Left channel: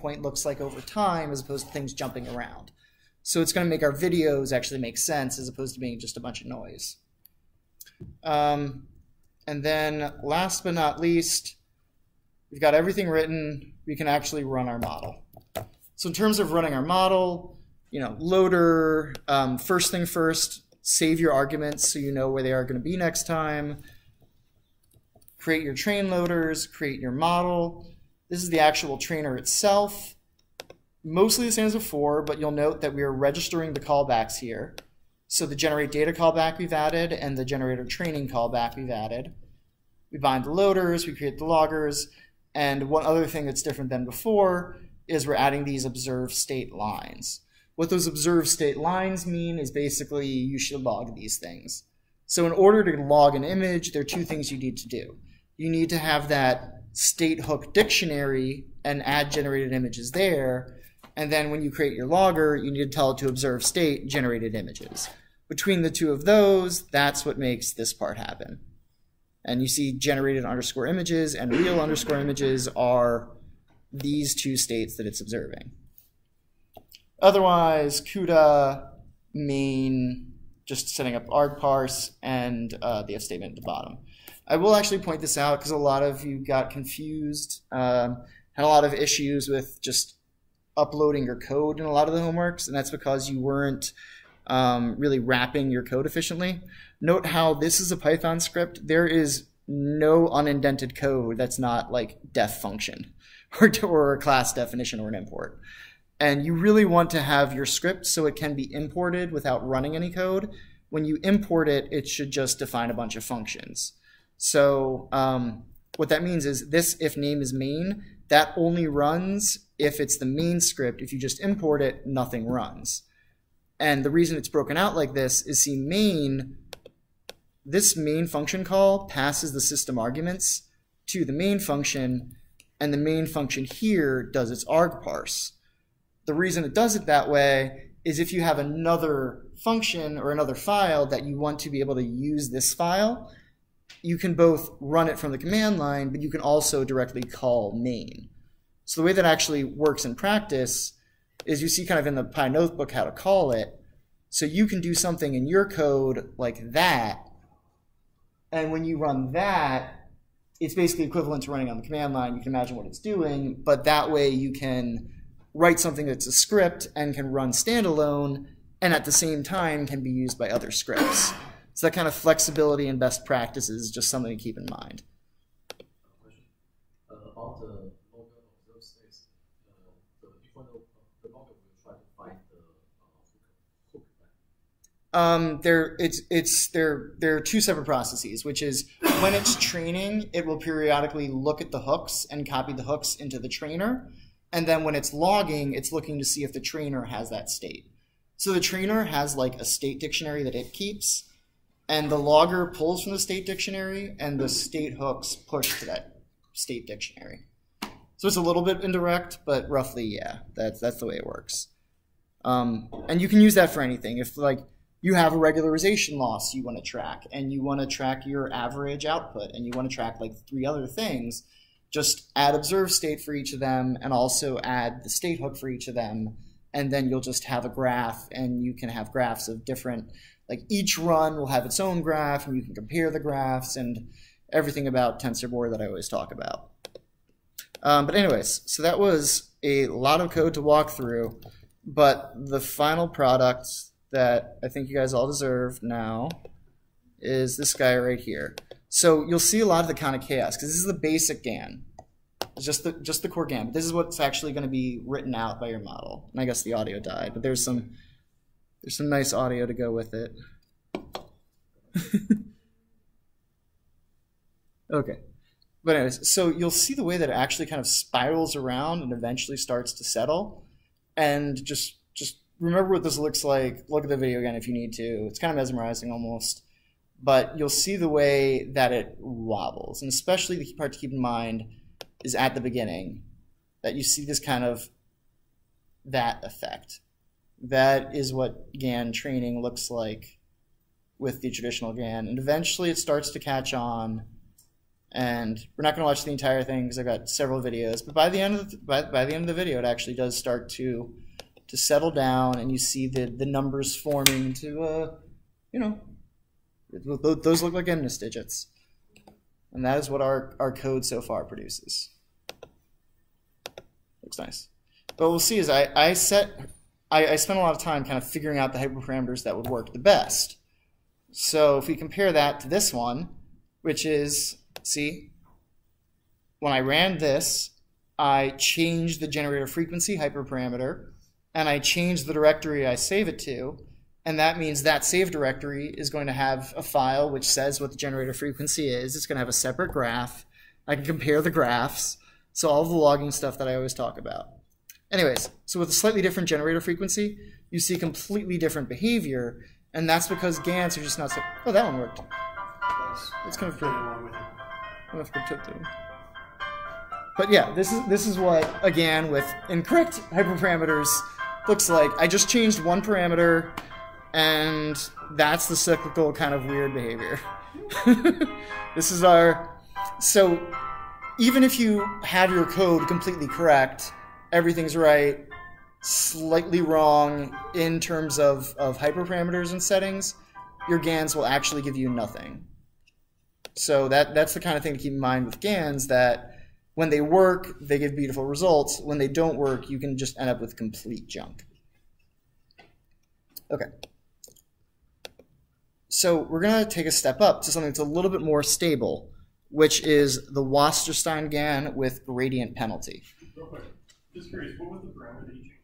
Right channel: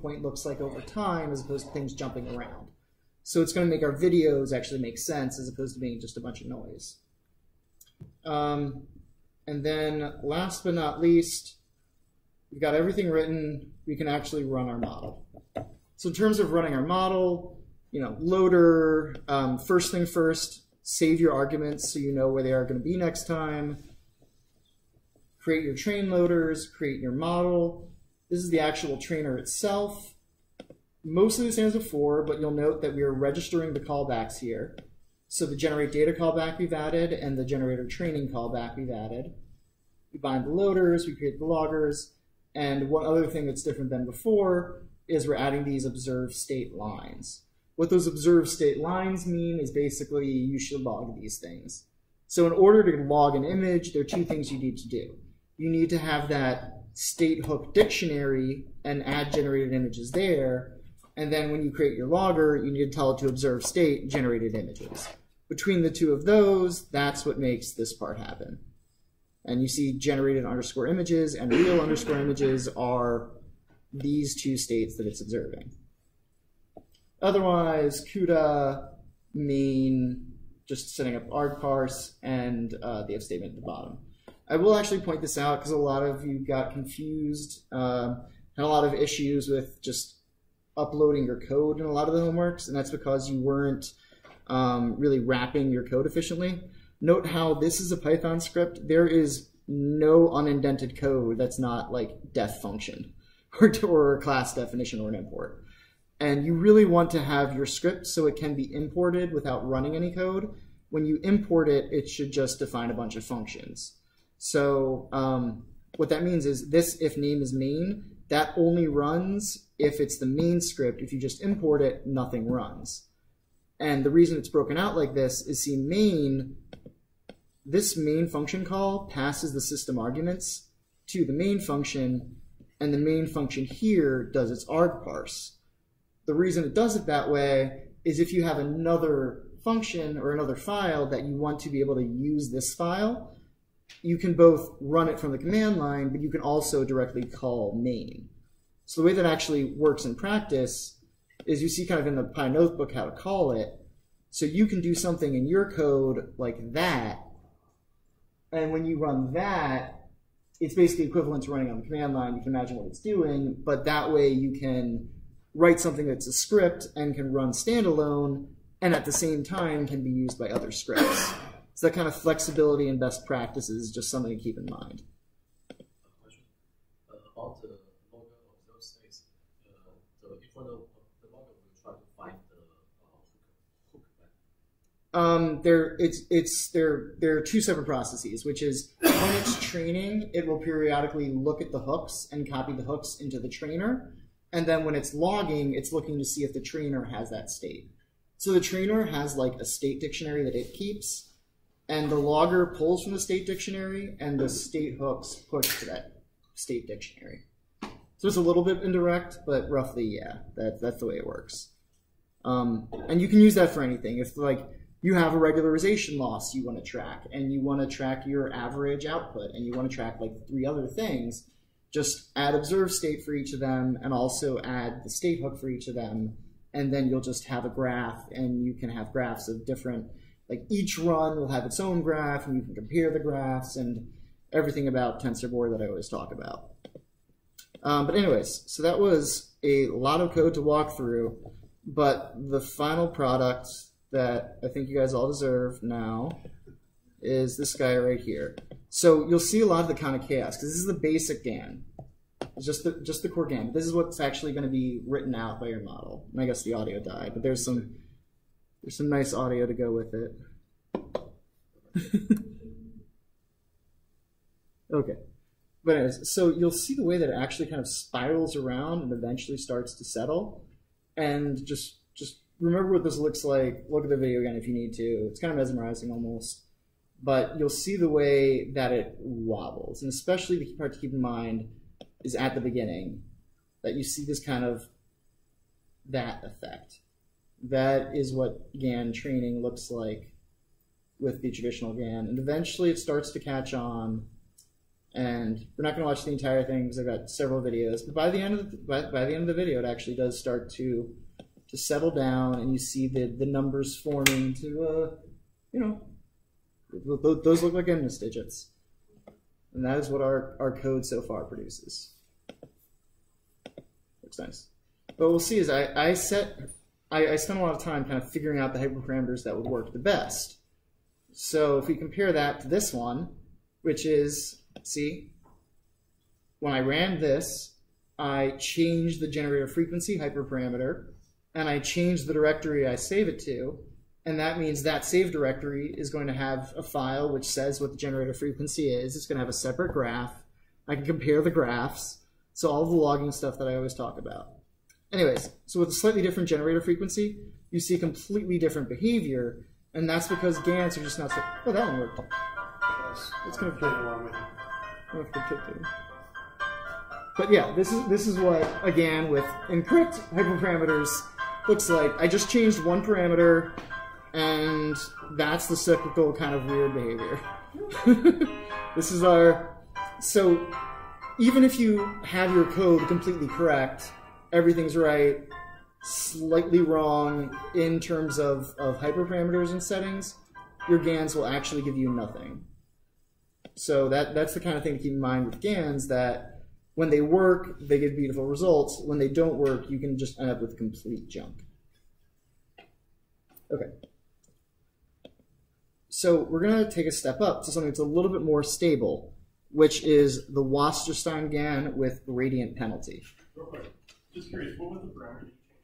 point looks like over time as opposed to things jumping around. So it's going to make our videos actually make sense as opposed to being just a bunch of noise. And then last but not least, we've got everything written. We can actually run our model. So in terms of running our model, loader, first thing first, save your arguments so you know where they are going to be next time. Create your train loaders, create your model. This is the actual trainer itself. Mostly the same as before, but you'll note that we are registering the callbacks here. So the generate data callback we've added and the generator training callback we've added. We bind the loaders, we create the loggers, and one other thing that's different than before is we're adding these observe state lines. What those observe state lines mean is basically you should log these things. So in order to log an image, there are two things you need to do. You need to have that state hook dictionary and add generated images there. And then when you create your logger, you need to tell it to observe state generated images. Between the two of those, that's what makes this part happen. And you see generated underscore images and real underscore images are these two states that it's observing. Otherwise, CUDA, main, just setting up arg parse, and the if statement at the bottom. I will actually point this out because a lot of you got confused, had a lot of issues with just uploading your code in a lot of the homeworks, and that's because you weren't really wrapping your code efficiently. Note how this is a Python script. There is no unindented code that's not like def function or a class definition or an import. And you really want to have your script so it can be imported without running any code. When you import it, it should just define a bunch of functions. So what that means is this if name is main, that only runs if it's the main script. If you just import it, nothing runs. And the reason it's broken out like this is, see, main, this main function call passes the system arguments to the main function, and the main function here does its arg parse. The reason it does it that way is if you have another function or another file that you want to be able to use this file, you can both run it from the command line, but you can also directly call main. So the way that actually works in practice is you see kind of in the Pi notebook how to call it. So you can do something in your code like that, and when you run that, it's basically equivalent to running on the command line. You can imagine what it's doing, but that way you can write something that's a script and can run standalone, and at the same time can be used by other scripts. So that kind of flexibility and best practices is just something to keep in mind. Question about the logger of those states. For the logger, we try to find the hook, right? There are two separate processes, which is when it's training, it will periodically look at the hooks and copy the hooks into the trainer. And then when it's logging, it's looking to see if the trainer has that state. So the trainer has like a state dictionary that it keeps, and the logger pulls from the state dictionary, and the state hooks push to that state dictionary. So it's a little bit indirect, but roughly, yeah, that's the way it works. And you can use that for anything. If like you have a regularization loss you want to track, and you want to track your average output, and you want to track like 3 other things, just add observe state for each of them, and also add the state hook for each of them, and then you'll just have a graph, and you can have graphs of different, like each run will have its own graph, and you can compare the graphs, and everything about TensorBoard that I always talk about. But anyways, so that was a lot of code to walk through, but the final product that I think you guys all deserve now is this guy right here. So you'll see a lot of the kind of chaos, because this is the basic GAN. It's just the core GAN. But this is what's actually going to be written out by your model. And I guess the audio died, but there's some nice audio to go with it. Okay. But anyways, so you'll see the way that it actually kind of spirals around and eventually starts to settle. And just remember what this looks like. Look at the video again if you need to. It's kind of mesmerizing almost. But you'll see the way that it wobbles. And especially the key part to keep in mind is at the beginning, that you see this kind of that effect. That is what GAN training looks like with the traditional GAN. And eventually it starts to catch on, And we're not going to watch the entire thing because I've got several videos. But by the end of the video, it actually does start to settle down, and you see the numbers forming to you know, those look like MNIST digits, and that is what our code so far produces. Looks nice. But we'll see is I spent a lot of time kind of figuring out the hyperparameters that would work the best. So if we compare that to this one, which is, see, when I ran this, I changed the generator frequency hyperparameter, and I changed the directory I save it to, and that means that save directory is going to have a file which says what the generator frequency is. It's going to have a separate graph. I can compare the graphs, so all of the logging stuff that I always talk about. Anyways, so with a slightly different generator frequency, you see completely different behavior, and that's because GANs are just not so... Oh, that one worked. It's kind of good. But yeah, this is what, again, with incorrect hyperparameters looks like. I just changed one parameter, and that's the cyclical kind of weird behavior. This is our... So even if you have your code completely correct, everything's right, slightly wrong in terms of hyperparameters and settings, your GANs will actually give you nothing. So that's the kind of thing to keep in mind with GANs, that when they work, they give beautiful results. When they don't work, you can just end up with complete junk. Okay. So we're going to take a step up to something that's a little bit more stable, which is the Wasserstein GAN with gradient penalty. Real quick, just curious, what was the parameter that you changed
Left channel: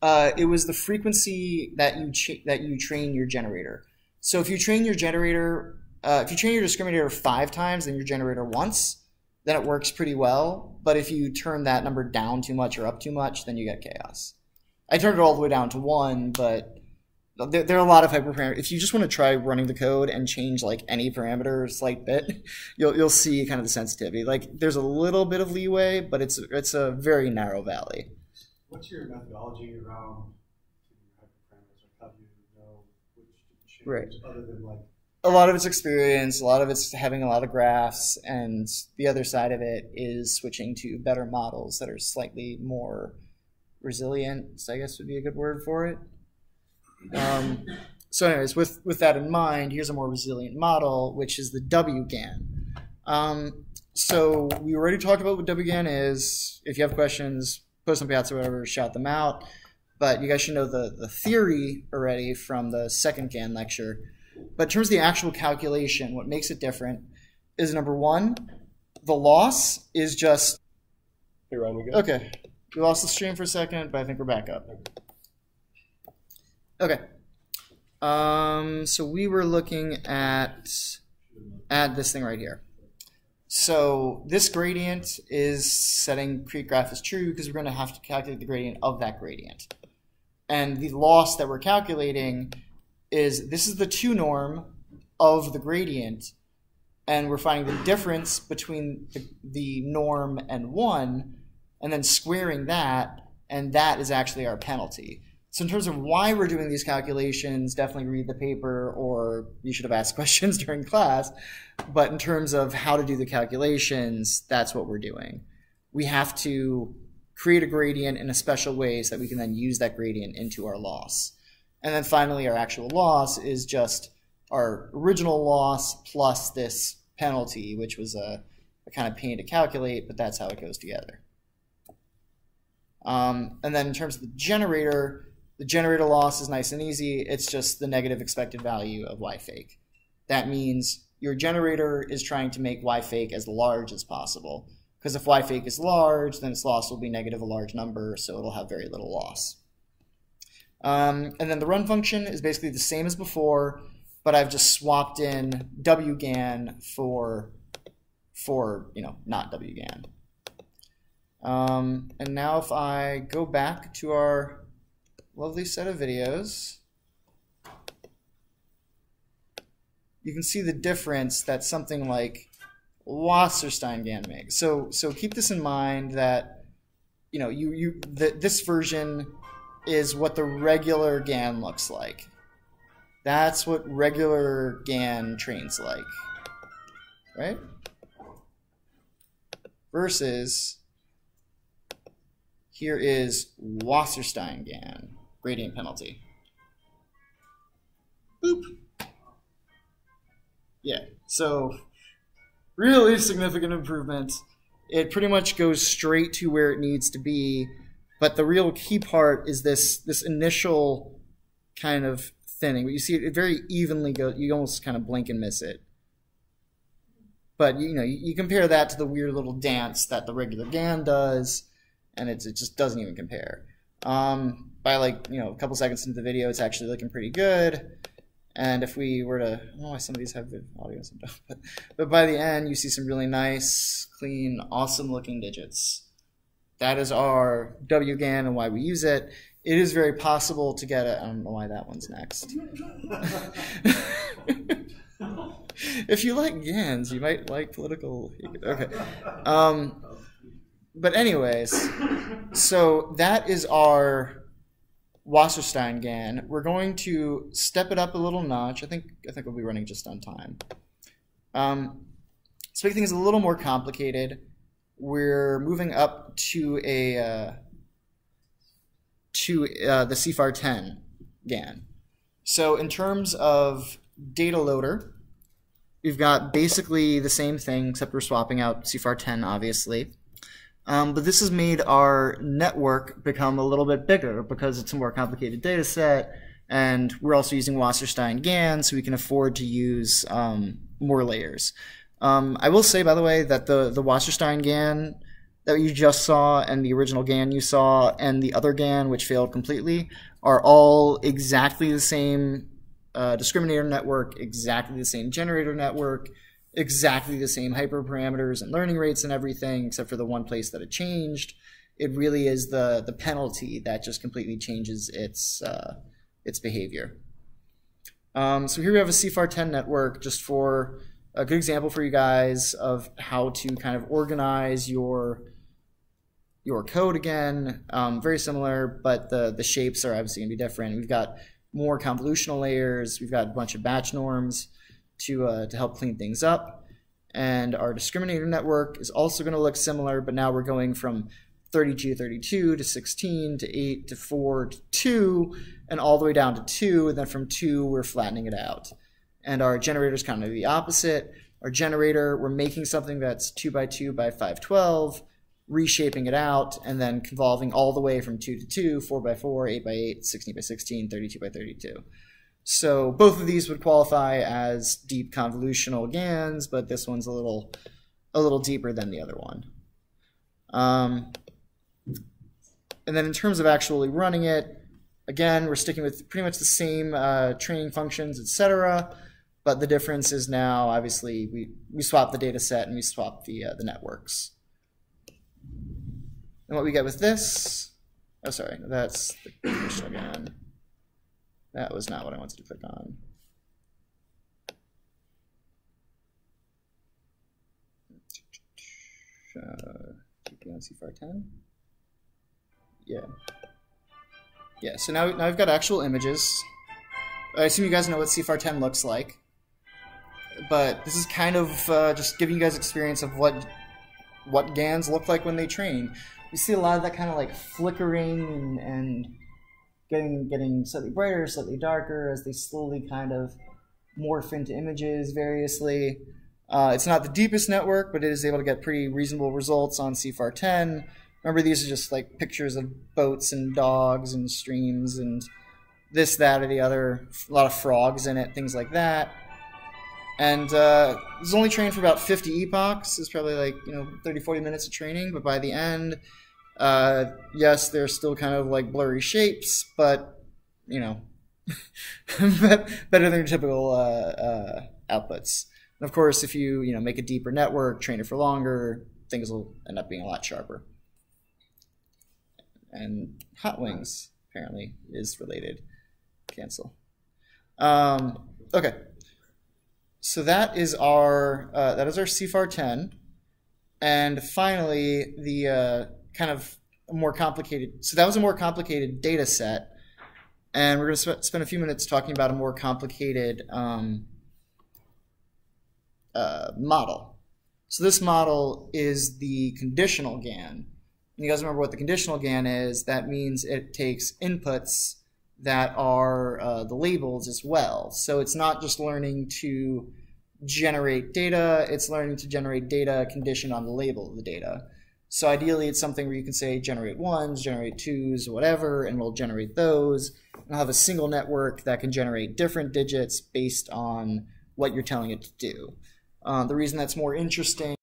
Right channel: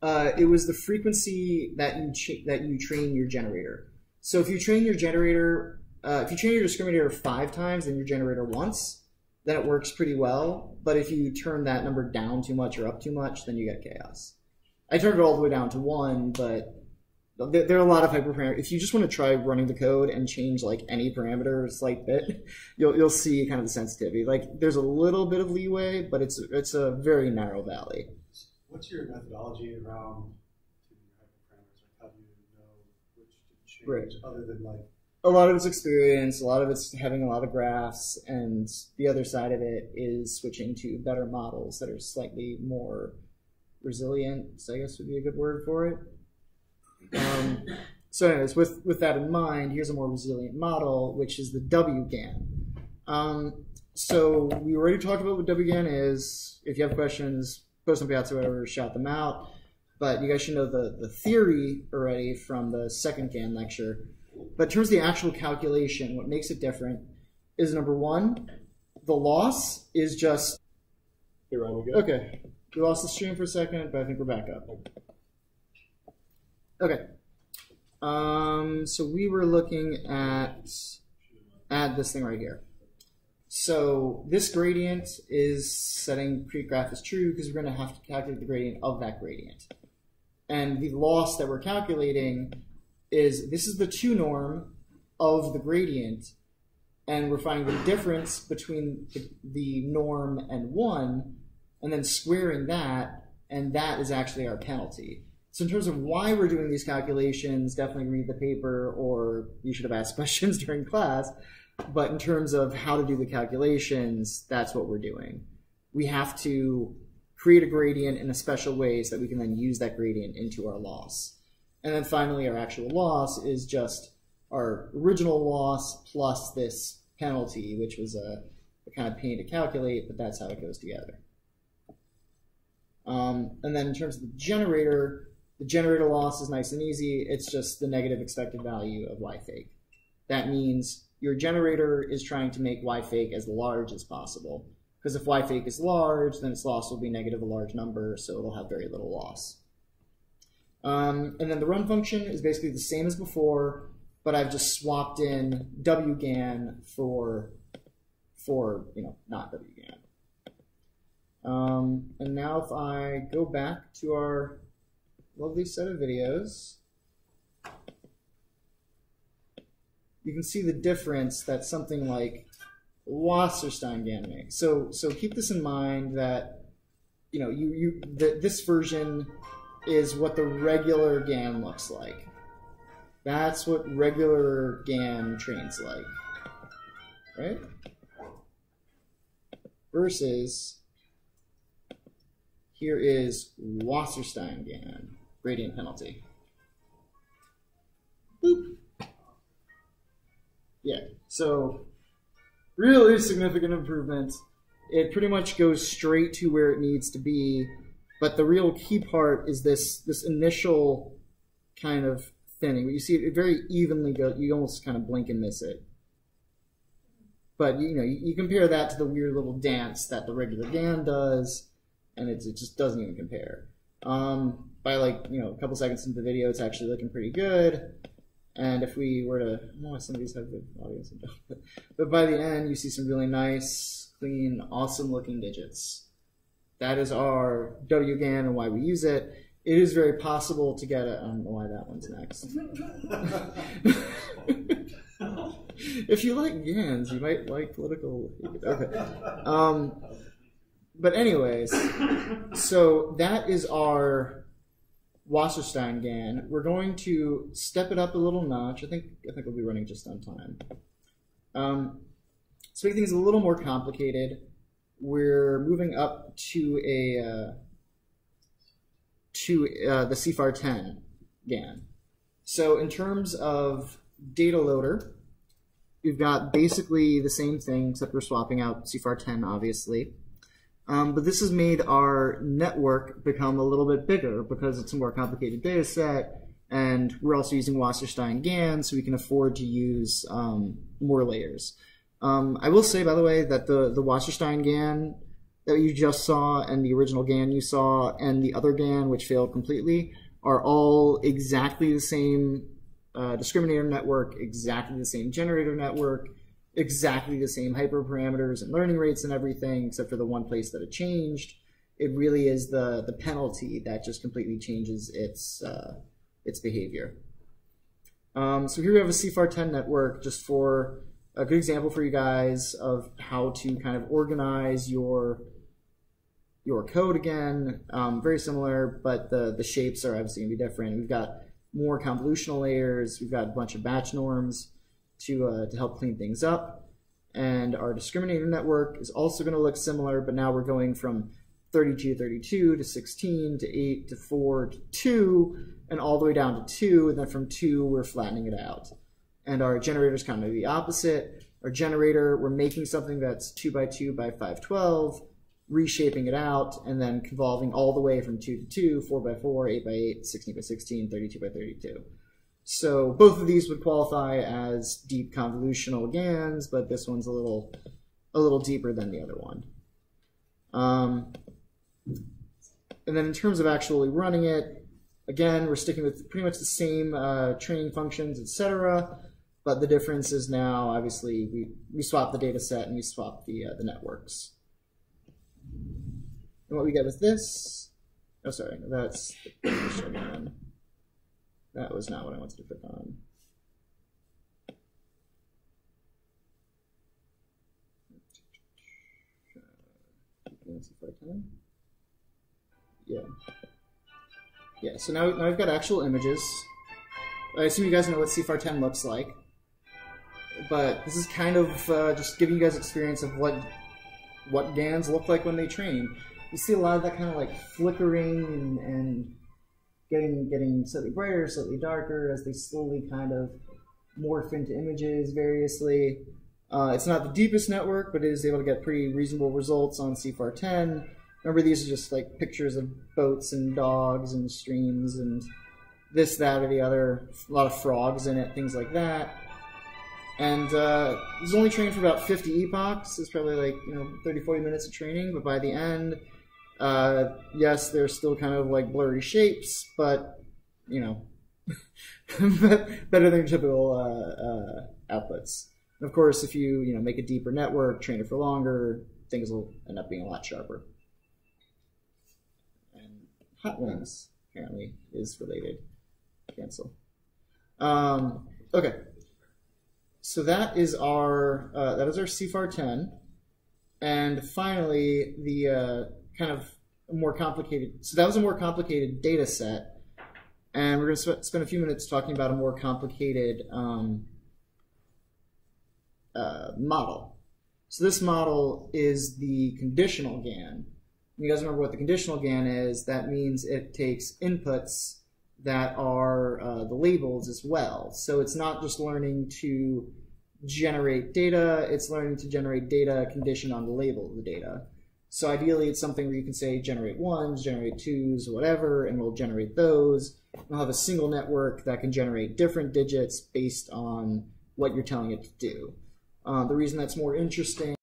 for that? It was the frequency that you train your generator. So if you train your generator, if you train your discriminator 5 times and your generator once, then it works pretty well. But if you turn that number down too much or up too much, then you get chaos. I turned it all the way down to 1, but there are a lot of hyperparameters. If you just want to try running the code and change like any parameter a slight bit, you'll see kind of the sensitivity. Like there's a little bit of leeway, but it's a very narrow valley. What's your methodology around hyperparameters? Like how do you know which to change, right, other than like... A lot of it's experience, a lot of it's having a lot of graphs, and the other side of it is switching to better models that are slightly more resilient, I guess would be a good word for it. So anyways, with that in mind, here's a more resilient model, which is the WGAN. So we already talked about what WGAN is. If you have questions, post them Piazza or whatever, shout them out. But you guys should know the theory already from the second GAN lecture. But in terms of the actual calculation, what makes it different is, number one, the loss is just... Hey, Ryan, we good? Okay. We lost the stream for a second, but I think we're back up. Okay. So we were looking at this thing right here. So this gradient is setting create graph as true because we're going to have to calculate the gradient of that gradient. And the loss that we're calculating is, this is the 2 norm of the gradient, and we're finding the difference between the norm and 1, and then squaring that, and that is actually our penalty. So in terms of why we're doing these calculations, definitely read the paper, or you should have asked questions during class. But in terms of how to do the calculations, that's what we're doing. We have to create a gradient in a special way so that we can then use that gradient into our loss. And then finally, our actual loss is just our original loss plus this penalty, which was a kind of pain to calculate, but that's how it goes together. And then in terms of the generator loss is nice and easy. It's just the negative expected value of y fake. That means your generator is trying to make y fake as large as possible. Because if y fake is large, then its loss will be negative a large number, so it'll have very little loss. And then the run function is basically the same as before, but I've just swapped in WGAN for not WGAN. And now if I go back to our lovely set of videos, you can see the difference that something like Wasserstein GAN makes. So keep this in mind that this version is what the regular GAN looks like. That's what regular GAN trains like, right? versus here is Wasserstein GAN, gradient penalty. Boop. Yeah, so really significant improvement. It pretty much goes straight to where it needs to be, but the real key part is this initial kind of thinning. But you see it very evenly goes. You almost kind of blink and miss it. But you compare that to the weird little dance that the regular GAN does, and it just doesn't even compare. By like a couple seconds into the video, it's actually looking pretty good. And if we were to, some of these have good audio, some don't, but by the end, you see some really nice, clean, awesome-looking digits. That is our WGAN and why we use it. It is very possible to get it. I don't know why that one's next. If you like GANs, you might like political. Okay. But anyways, so that is our Wasserstein GAN. We're going to step it up a little notch. I think we'll be running just on time. To make things a little more complicated, we're moving up to the CFAR 10 GAN. So in terms of data loader, we've got basically the same thing, except we're swapping out CFAR 10, obviously. But this has made our network become a little bit bigger because it's a more complicated data set, and we're also using Wasserstein GAN, so we can afford to use more layers. I will say, by the way, that the Wasserstein GAN that you just saw and the original GAN you saw and the other GAN, which failed completely, are all exactly the same discriminator network, exactly the same generator network, exactly the same hyperparameters and learning rates and everything, except for the one place that it changed. It really is the penalty that just completely changes its behavior. So here we have a CFAR 10 network, just for a good example for you guys of how to kind of organize your code again. Very similar, but the shapes are obviously going to be different. We've got more convolutional layers. We've got a bunch of batch norms to help clean things up. And our discriminator network is also going to look similar, but now we're going from 32 to 32 to 16 to 8 to 4 to 2 and all the way down to 2, and then from 2 we're flattening it out. And our generator is kind of the opposite. Our generator, we're making something that's 2 by 2 by 512, reshaping it out, and then convolving all the way from 2 to 2, 4 by 4, 8 by 8, 16 by 16, 32 by 32. So both of these would qualify as deep convolutional GANs, but this one's a little deeper than the other one. And then in terms of actually running it, again, we're sticking with pretty much the same training functions, etc. But the difference is now, obviously, we swap the data set and we swap the networks. And what we get with this, oh, sorry, that's the again. That was not what I wanted to click on. Keeping on CFAR 10. Yeah. Yeah, so now I've got actual images. I assume you guys know what CFAR 10 looks like. But this is kind of just giving you guys experience of what GANs look like when they train. You see a lot of that kind of like flickering and getting slightly brighter, slightly darker as they slowly kind of morph into images variously. It's not the deepest network, but it is able to get pretty reasonable results on CFAR 10. Remember, these are just like pictures of boats and dogs and streams and this, that, or the other. A lot of frogs in it, things like that. And it was only trained for about 50 epochs. It's probably like 30, 40 minutes of training, but by the end, yes, they're still kind of like blurry shapes, but better than your typical outputs. And of course, if you make a deeper network, train it for longer, things will end up being a lot sharper. And hot wings apparently is related. Cancel. Okay. So that is our CFAR 10, and finally the kind of more complicated. So that was a more complicated data set, and we're going to spend a few minutes talking about a more complicated model. So this model is the conditional GAN. And you guys remember what the conditional GAN is? That means it takes inputs that are the labels as well. So it's not just learning to generate data, it's learning to generate data conditioned on the label of the data. So ideally it's something where you can say generate ones, generate twos, whatever, and we'll generate those. And I'll have a single network that can generate different digits based on what you're telling it to do. The reason that's more interesting